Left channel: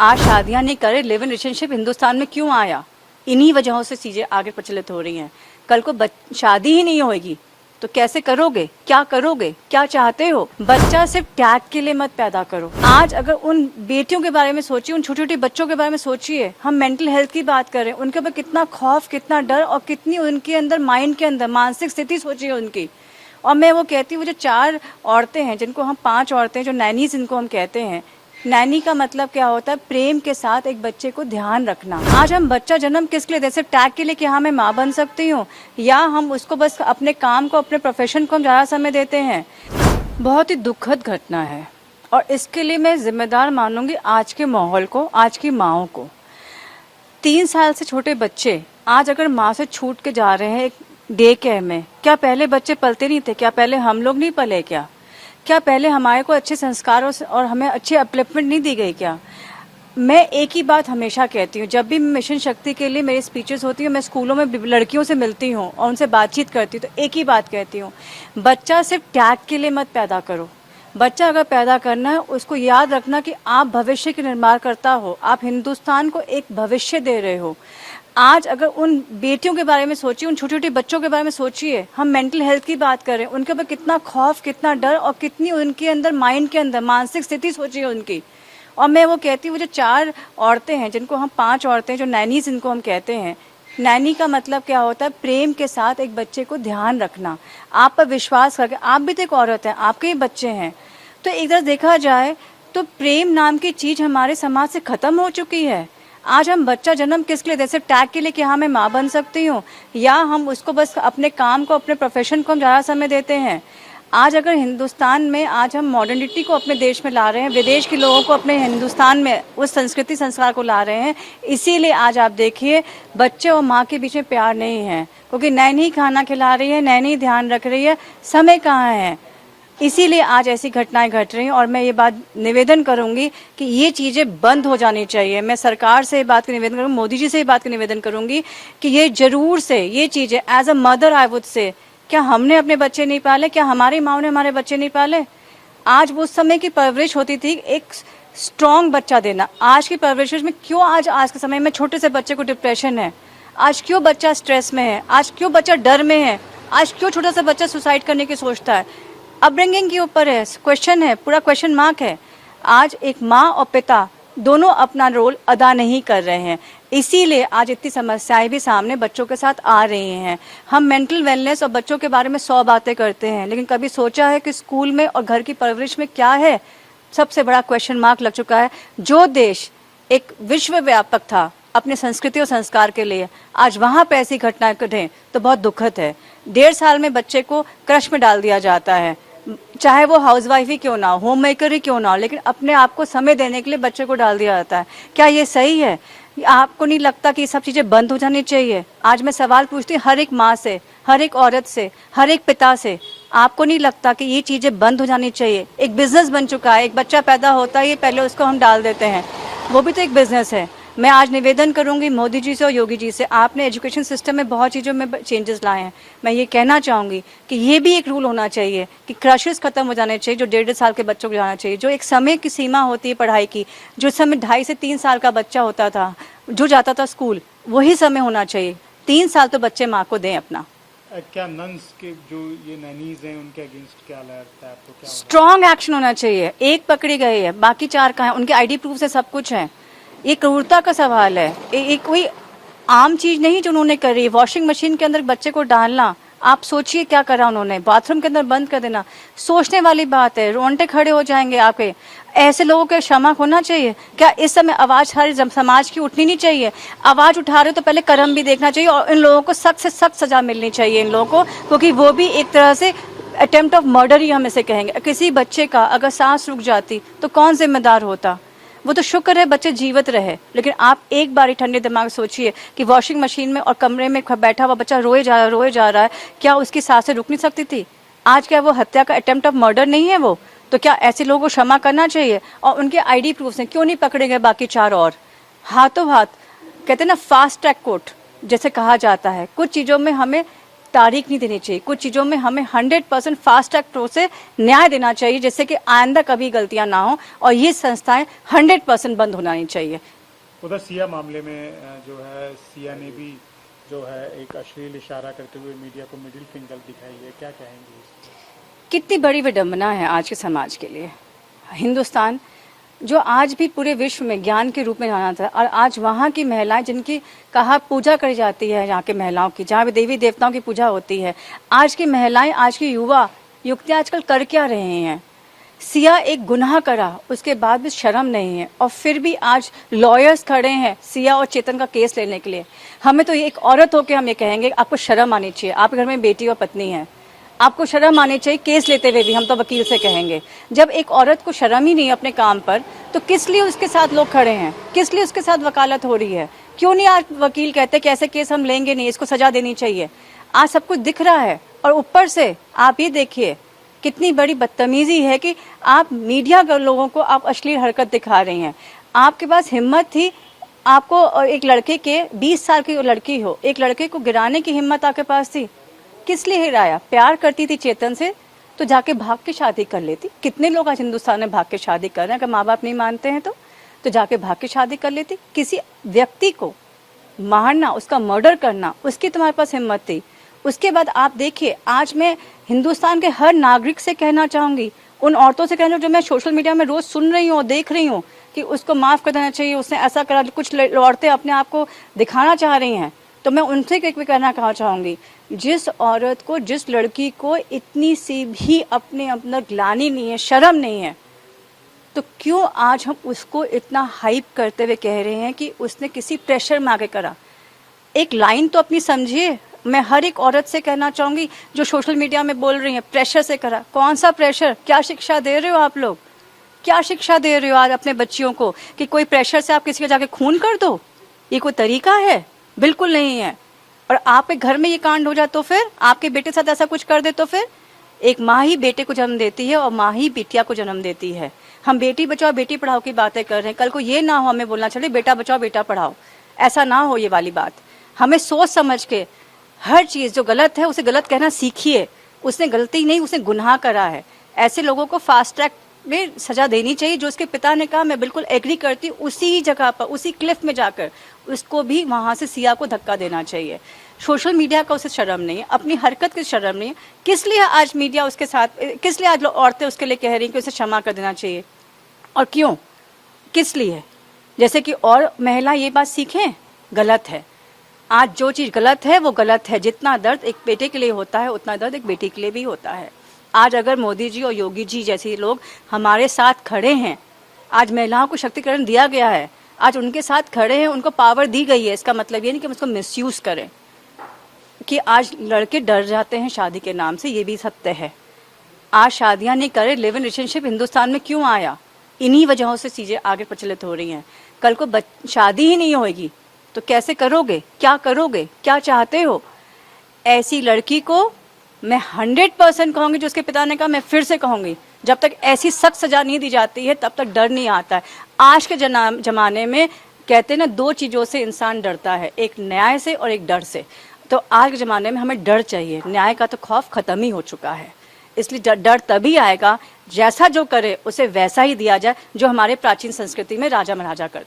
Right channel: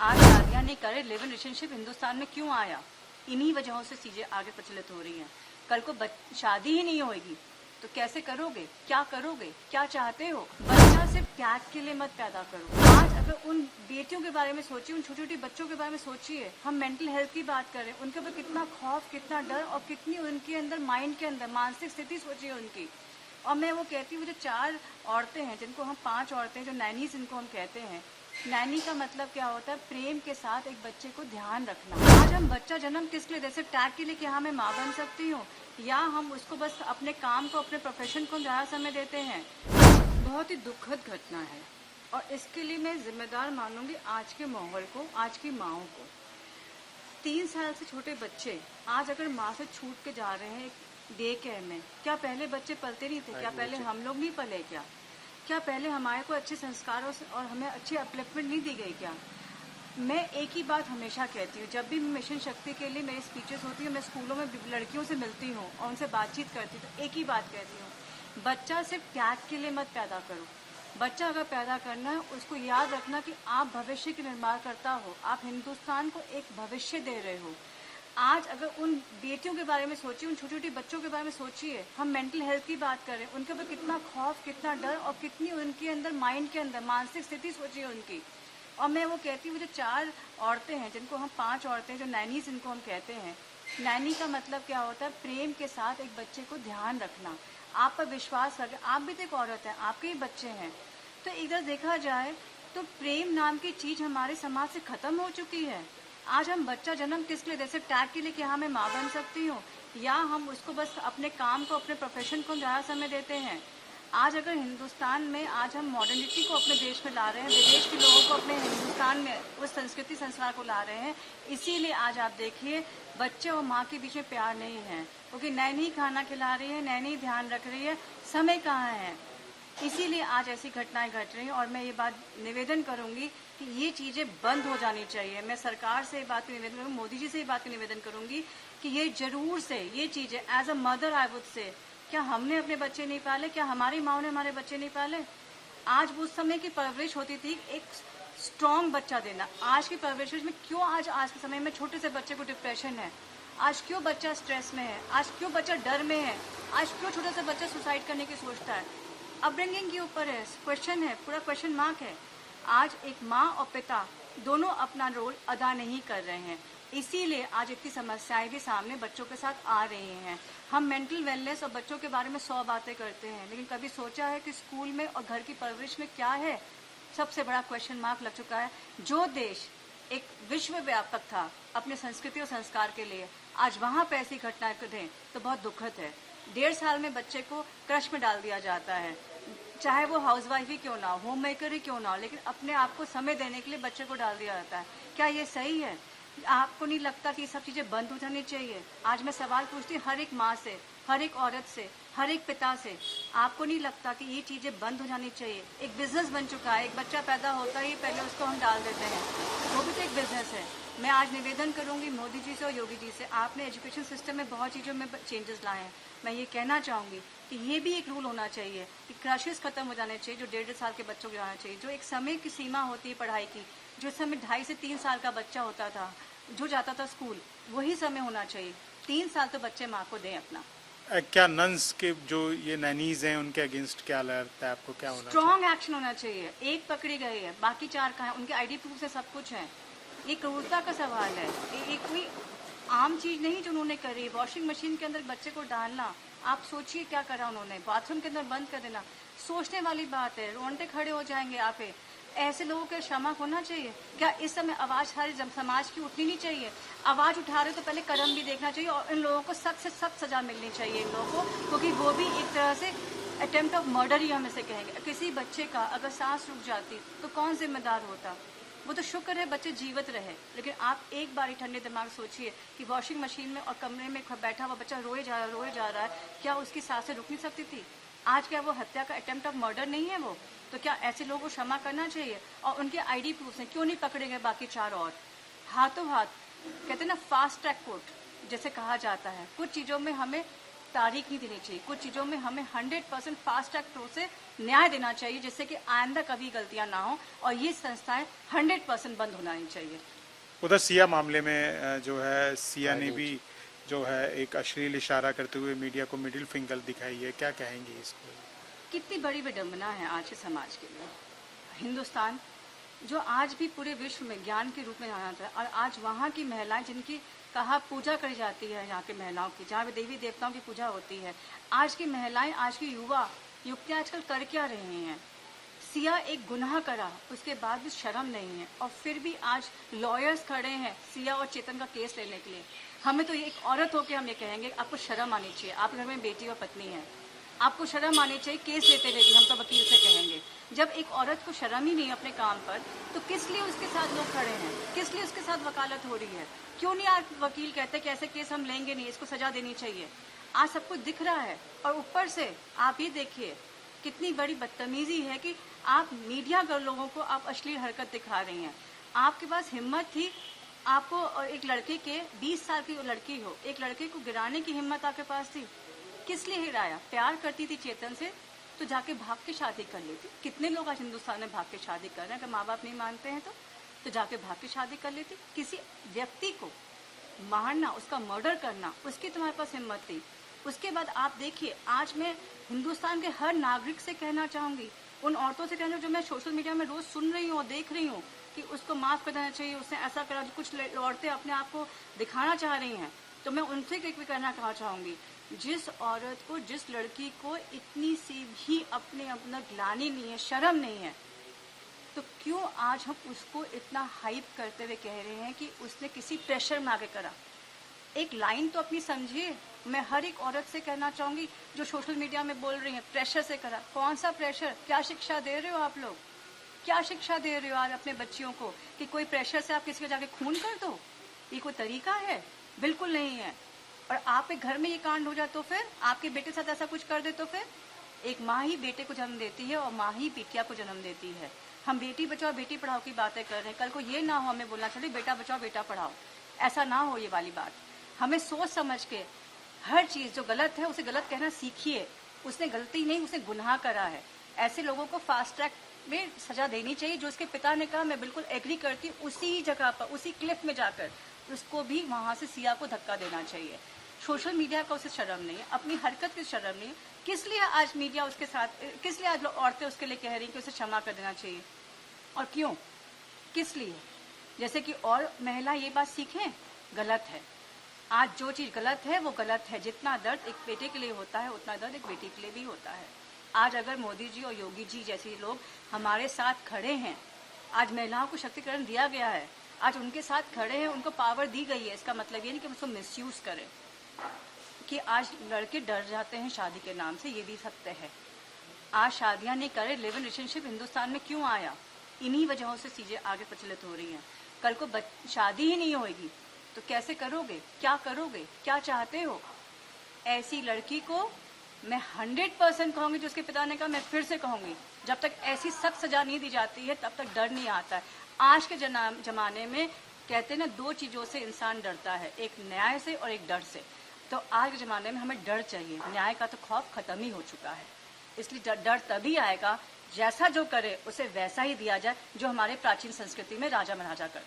आज शादियां नहीं करे, लिव इन रिलेशनशिप हिंदुस्तान में क्यों आया? इन्हीं वजहों से चीजें आगे प्रचलित हो रही हैं। कल को शादी ही नहीं होगी तो कैसे करोगे? क्या करोगे? क्या चाहते हो? बच्चा सिर्फ टैग के लिए मत पैदा करो। आज अगर उन बेटियों के बारे में सोचिए, उन छोटे छोटे बच्चों के बारे में सोचिए। हम मेंटल हेल्थ की बात करें, उनके ऊपर कितना खौफ, कितना डर और कितनी उनके अंदर, माइंड के अंदर मानसिक स्थिति सोचिए उनकी। और मैं वो कहती हूँ, जो 4 औरतें हैं, जिनको हम 5 औरतें, जो नैनीज जिनको हम कहते हैं, नैनी का मतलब क्या होता है? प्रेम के साथ एक बच्चे को ध्यान रखना। आज हम बच्चा जन्म किस लिए? जैसे टैग के लिए कि हाँ मैं माँ बन सकती हूँ, या हम उसको बस अपने काम को, अपने प्रोफेशन को हम ज़्यादा समय देते हैं। बहुत ही दुखद घटना है और इसके लिए मैं जिम्मेदार मानूंगी आज के माहौल को, आज की माँओं को। 3 साल से छोटे बच्चे आज अगर माँ से छूट के जा रहे हैं एक डे केयर में, क्या पहले बच्चे पलते नहीं थे? क्या पहले हम लोग नहीं पले? क्या पहले हमारे को अच्छे संस्कारों से और हमें अच्छी अपलिफ्टमेंट नहीं दी गई क्या? मैं एक ही बात हमेशा कहती हूँ, जब भी मिशन शक्ति के लिए मेरी स्पीचेस होती हैं, मैं स्कूलों में लड़कियों से मिलती हूँ और उनसे बातचीत करती हूँ, तो एक ही बात कहती हूँ, बच्चा सिर्फ टैग के लिए मत पैदा करो। बच्चा अगर पैदा करना है, उसको याद रखना कि आप भविष्य के निर्माण करता हो, आप हिंदुस्तान को एक भविष्य दे रहे हो। आज अगर उन बेटियों के बारे में सोचिए, उन छोटे छोटे बच्चों के बारे में सोचिए। हम मेंटल हेल्थ की बात करें, उनके ऊपर कितना खौफ, कितना डर और कितनी उनके अंदर, माइंड के अंदर मानसिक स्थिति सोचिए उनकी। और मैं वो कहती हूँ, जो 4 औरतें हैं, जिनको हम 5 औरतें, जो नैनीज जिनको हम कहते हैं, नैनी का मतलब क्या होता है? प्रेम के साथ एक बच्चे को ध्यान रखना, आप पर विश्वास करके। आप भी तो एक औरत है, आपके ही बच्चे हैं। तो एक तरह देखा जाए तो प्रेम नाम की चीज हमारे समाज से खत्म हो चुकी है। आज हम बच्चा जन्म किस लिए? जैसे टैग के लिए कि हाँ मैं माँ बन सकती हूँ, या हम उसको बस अपने काम को, अपने प्रोफेशन को हम ज़्यादा समय देते हैं। आज अगर हिंदुस्तान में आज हम मॉडर्निटी को अपने देश में ला रहे हैं, विदेश के लोगों को अपने हिंदुस्तान में उस संस्कृति संस्कार को ला रहे हैं, इसीलिए आज आप देखिए बच्चे और माँ के बीच में प्यार नहीं है, क्योंकि नैनी खाना खिला रही है, नैनी ध्यान रख रही है, समय कहाँ है। इसीलिए आज ऐसी घटनाएं घट रही हैं। और मैं ये बात निवेदन करूंगी कि ये चीज़ें बंद हो जानी चाहिए। मैं सरकार से ये बात का निवेदन करूँगी, मोदी जी से ये बात का निवेदन करूंगी कि ये जरूर से ये चीज़ें, as a mother I would say, क्या हमने अपने बच्चे नहीं पाले? क्या हमारी माँ ने हमारे बच्चे नहीं पाले? आज वो समय की परवरिश होती थी, एक स्ट्रॉन्ग बच्चा देना। आज की परवरिश में क्यों आज के समय में छोटे से बच्चे को डिप्रेशन है? आज क्यों बच्चा स्ट्रेस में है? आज क्यों बच्चा डर में है? आज क्यों छोटा सा बच्चा सुसाइड करने की सोचता है? अपब्रिंगिंग के ऊपर है, क्वेश्चन है, पूरा क्वेश्चन मार्क है। आज एक माँ और पिता दोनों अपना रोल अदा नहीं कर रहे हैं, इसीलिए आज इतनी समस्याएं भी सामने बच्चों के साथ आ रही हैं। हम मेंटल वेलनेस और बच्चों के बारे में 100 बातें करते हैं, लेकिन कभी सोचा है कि स्कूल में और घर की परवरिश में क्या है? सबसे बड़ा क्वेश्चन मार्क लग चुका है। जो देश एक विश्व व्यापक था अपने संस्कृति और संस्कार के लिए, आज वहाँ पे ऐसी घटनाएं घटें तो बहुत दुखद है। 1.5 साल में बच्चे को क्रश में डाल दिया जाता है, चाहे वो हाउसवाइफ ही क्यों ना हो, होम मेकर ही क्यों ना हो, लेकिन अपने आप को समय देने के लिए बच्चे को डाल दिया जाता है। क्या ये सही है? आपको नहीं लगता कि ये सब चीज़ें बंद हो जानी चाहिए? आज मैं सवाल पूछती हूँ हर एक माँ से, हर एक औरत से, हर एक पिता से, आपको नहीं लगता कि ये चीज़ें बंद हो जानी चाहिए? एक बिजनेस बन चुका है, एक बच्चा पैदा होता है, ये पहले उसको हम डाल देते हैं, वो भी तो एक बिजनेस है। मैं आज निवेदन करूंगी मोदी जी से और योगी जी से, आपने एजुकेशन सिस्टम में बहुत चीज़ों में चेंजेस लाए हैं। मैं ये कहना चाहूँगी कि ये भी एक रूल होना चाहिए कि क्रशेस खत्म हो जाने चाहिए, जो 1.5 साल के बच्चों को जाना चाहिए। जो एक समय की सीमा होती है पढ़ाई की, जो समय 2.5 से 3 साल का बच्चा होता था जो जाता था स्कूल, वही समय होना चाहिए। 3 साल तो बच्चे माँ को दें अपना। क्या नन्स के जो ये नैनीज हैं उनके अगेंस्ट क्या लगता है आपको? क्या स्ट्रॉन्ग एक्शन होना चाहिए। एक पकड़ी गई है, बाकी 4 कहाँ हैं? उनके ID प्रूफ से सब कुछ है। ये क्रूरता का सवाल है, ये कोई आम चीज नहीं जो उन्होंने करी। वॉशिंग मशीन के अंदर बच्चे को डालना, आप सोचिए क्या करा उन्होंने, बाथरूम के अंदर बंद कर देना, सोचने वाली बात है। रोंगटे खड़े हो जाएंगे आपके। ऐसे लोगों के क्षमा होना चाहिए क्या? इस समय आवाज हर समाज की उठनी नहीं चाहिए? आवाज उठा रहे हो तो पहले कर्म भी देखना चाहिए, और इन लोगों को सख्त से सख्त सजा मिलनी चाहिए इन लोगों को, क्योंकि वो भी एक तरह से अटेम्प्ट ऑफ मर्डर ही हम इसे कहेंगे। किसी बच्चे का अगर सांस रुक जाती तो कौन जिम्मेदार होता? वो तो शुक्र है बच्चे जीवित रहे, लेकिन आप एक बार ही ठंडे दिमाग सोचिए कि वॉशिंग मशीन में और कमरे में बैठा हुआ बच्चा रोए जा रहा है, क्या उसकी सांसें रुक नहीं सकती थी? आज क्या वो हत्या का अटेम्प्ट ऑफ मर्डर नहीं है वो? तो क्या ऐसे लोगों को क्षमा करना चाहिए? और उनके ID प्रूफ हैं, क्यों नहीं पकड़े गए बाकी 4 और? हाथों हाथ कहते हैं ना, फास्ट ट्रैक कोर्ट जैसे कहा जाता है, कुछ चीज़ों में हमें तारीख नहीं देनी चाहिए। कुछ चीज़ों में हमें 100% फास्ट ट्रैक से न्याय देना चाहिए, जिससे कि आइंदा कभी गलतियां ना हो और ये संस्थाएं 100% बंद होना नहीं चाहिए। उधर सिया मामले में जो है, सिया ने भी जो है एक अश्लील इशारा करते हुए मीडिया को मिडिल फिंगर दिखाई है, क्या कहेंगी इसको? कितनी बड़ी विडंबना है आज के समाज के लिए। हिंदुस्तान जो आज भी पूरे विश्व में ज्ञान के रूप में जाना था, और आज वहाँ की महिलाएं जिनकी कहा पूजा करी जाती है, यहाँ के महिलाओं की, जहाँ भी देवी देवताओं की पूजा होती है, आज की महिलाएं, आज की युवा युवतियाँ आजकल कर क्या रहे हैं? सिया एक गुनाह करा, उसके बाद भी शर्म नहीं है, और फिर भी आज लॉयर्स खड़े हैं सिया और चेतन का केस लेने के लिए। हमें तो एक औरत होकर हम ये कहेंगे, आपको शर्म आनी चाहिए। आपके घर में बेटी और पत्नी है, आपको शर्म आनी चाहिए केस लेते हुए भी। हम तो वकील से कहेंगे, जब एक औरत को शर्म ही नहीं है अपने काम पर, तो किस लिए उसके साथ लोग खड़े हैं? किस लिए उसके साथ वकालत हो रही है? क्यों नहीं आज वकील कहते कि ऐसे केस हम लेंगे नहीं, इसको सजा देनी चाहिए? आज सब कुछ दिख रहा है, और ऊपर से आप ये देखिए कितनी बड़ी बदतमीजी है कि आप मीडिया के लोगों को आप अश्लील हरकत दिखा रही हैं। आपके पास हिम्मत थी, आपको एक लड़के के 20 साल की लड़की हो, एक लड़के को गिराने की हिम्मत आपके पास थी। किस लिए हिराया? प्यार करती थी चेतन से तो जाके भाग के शादी कर लेती। कितने लोग आज हिंदुस्तान में भाग के शादी कर रहे हैं? अगर माँ बाप नहीं मानते हैं तो जाके भाग के शादी कर लेती। किसी व्यक्ति को मारना, उसका मर्डर करना, उसकी तुम्हारे पास हिम्मत थी। उसके बाद आप देखिए, आज मैं हिंदुस्तान के हर नागरिक से कहना चाहूँगी, उन औरतों से कहना जो मैं सोशल मीडिया में रोज़ सुन रही हूँ और देख रही हूँ कि उसको माफ़ कर देना चाहिए, उसने ऐसा करा। कुछ औरतें अपने आप को दिखाना चाह रही हैं, तो मैं उनसे कहना चाहूँगी, जिस औरत को, जिस लड़की को इतनी सी भी अपने अंदर ग्लानि नहीं है, शर्म नहीं है, तो क्यों आज हम उसको इतना हाइप करते हुए कह रहे हैं कि उसने किसी प्रेशर में आके करा? एक लाइन तो अपनी समझिए। मैं हर एक औरत से कहना चाहूँगी जो सोशल मीडिया में बोल रही है प्रेशर से करा। कौन सा प्रेशर? क्या शिक्षा दे रहे हो आप लोग? क्या शिक्षा दे रहे हो आज अपने बच्चियों को कि कोई प्रेशर से आप किसी का जाके खून कर दो? ये कोई तरीका है? बिल्कुल नहीं है। और आपके घर में ये कांड हो जाए तो फिर आपके बेटे के साथ ऐसा कुछ कर दे तो फिर? एक माँ ही बेटे को जन्म देती है और माँ ही बिटिया को जन्म देती है। हम बेटी बचाओ बेटी पढ़ाओ की बातें कर रहे हैं, कल को ये ना हो हमें बोलना चले बेटा बचाओ बेटा पढ़ाओ। ऐसा ना हो ये वाली बात। हमें सोच समझ के हर चीज़ जो गलत है उसे गलत कहना सीखिए। उसने गलती नहीं, उसने गुनाह करा है। ऐसे लोगों को फास्ट ट्रैक में सजा देनी चाहिए। जो उसके पिता ने कहा मैं बिल्कुल एग्री करती हूँ, उसी जगह पर उसी क्लिफ में जाकर उसको भी वहाँ से सिया को धक्का देना चाहिए। सोशल मीडिया का उसे शर्म नहीं है, अपनी हरकत की शर्म नहीं है। किस लिए आज मीडिया उसके साथ, किस लिए आज औरतें उसके लिए कह रही हैं कि उसे क्षमा कर देना चाहिए? और क्यों, किस लिए? जैसे कि और महिला ये बात सीखें, गलत है। आज जो चीज़ गलत है वो गलत है। जितना दर्द एक बेटे के लिए होता है उतना दर्द एक बेटी के लिए भी होता है। आज अगर मोदी जी और योगी जी जैसे लोग हमारे साथ खड़े हैं, आज महिलाओं को शक्तिकरण दिया गया है, आज उनके साथ खड़े हैं, उनको पावर दी गई है, इसका मतलब ये नहीं कि हम उसको मिसयूज़ करें। कि आज लड़के डर जाते हैं शादी के नाम से, ये भी सत्य है। आज शादियां नहीं करे, लिव इन रिलेशनशिप हिंदुस्तान में क्यों आया? इन्हीं वजहों से चीज़ें आगे प्रचलित हो रही हैं। कल को शादी ही नहीं होगी तो कैसे करोगे? क्या करोगे? क्या चाहते हो? ऐसी लड़की को मैं 100% कहूँगी, जो उसके पिता ने कहा मैं फिर से कहूँगी, जब तक ऐसी सख्त सजा नहीं दी जाती है तब तक डर नहीं आता है। आज के जमाने में कहते हैं ना, दो चीज़ों से इंसान डरता है, एक न्याय से और एक डर से। तो आज के ज़माने में हमें डर चाहिए। न्याय का तो खौफ ख़त्म ही हो चुका है। इसलिए डर तभी आएगा जैसा जो करे उसे वैसा ही दिया जाए, जो हमारे प्राचीन संस्कृति में राजा महाराजा करते।